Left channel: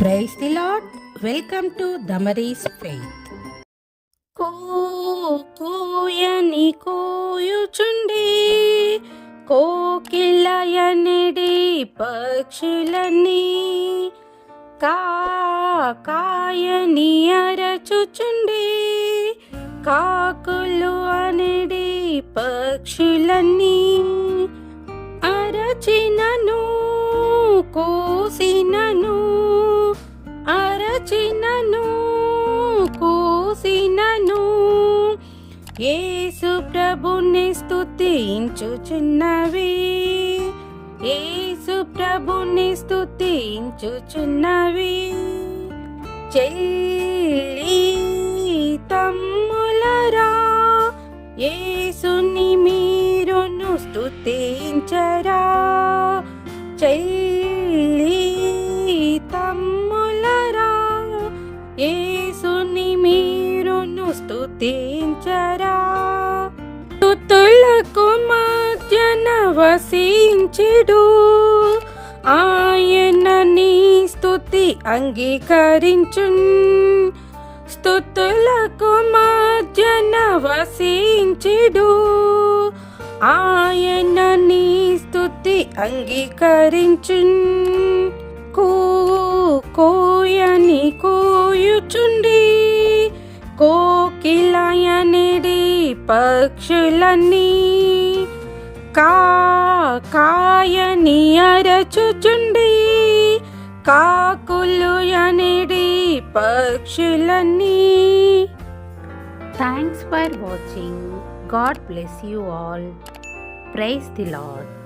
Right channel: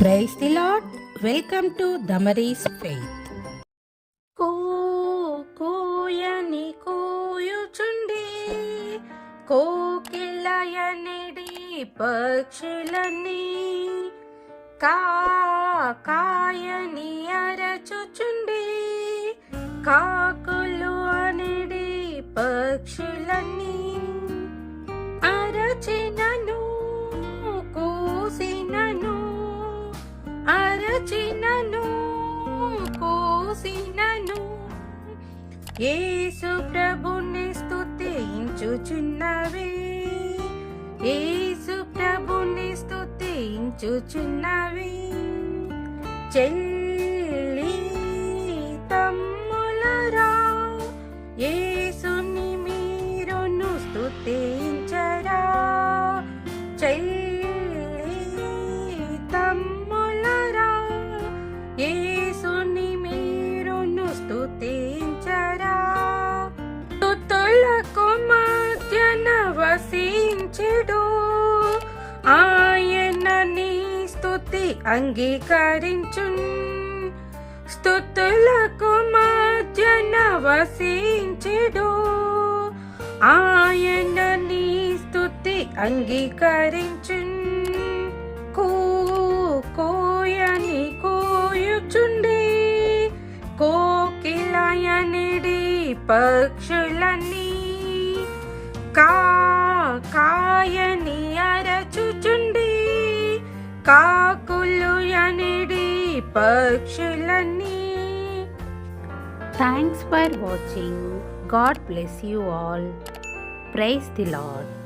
Praise the lord. Welcome to Damaris faith. కోయని కోయుచుండి కోకిలయనిడి పక్షులన్నీ కాయని అరచుచుండి కాకులు అనిడి పక్షులన్నీ అరచినను కోసినను అరచినను కోసినను యేసు ప్రభుని స్తుతించుచున్నవి, యేసు ప్రభుని స్తుతించుచున్నవి. చెల్లి తమ్ములరా, యేసుని మీరును స్తుతించరా. చెల్లి తమ్ములరా, యేసుని మీరును స్తుతించరా. స్తుతులకు మధ్యన వసించుడు, ఆయన నీ స్తుతి అంగీకరించున్. స్తుతులకు మధ్యన వసించుడు, ఆయన నీ స్తుతి అంగీకరించున్. కోయని కోయుచుండి కోకిలయనిడి పక్షులన్నీ కాయని అరచుచుండి కాకులు యనిడి పక్షులన్నీ. Thanks for watching. God bless you all. Praise the Lord.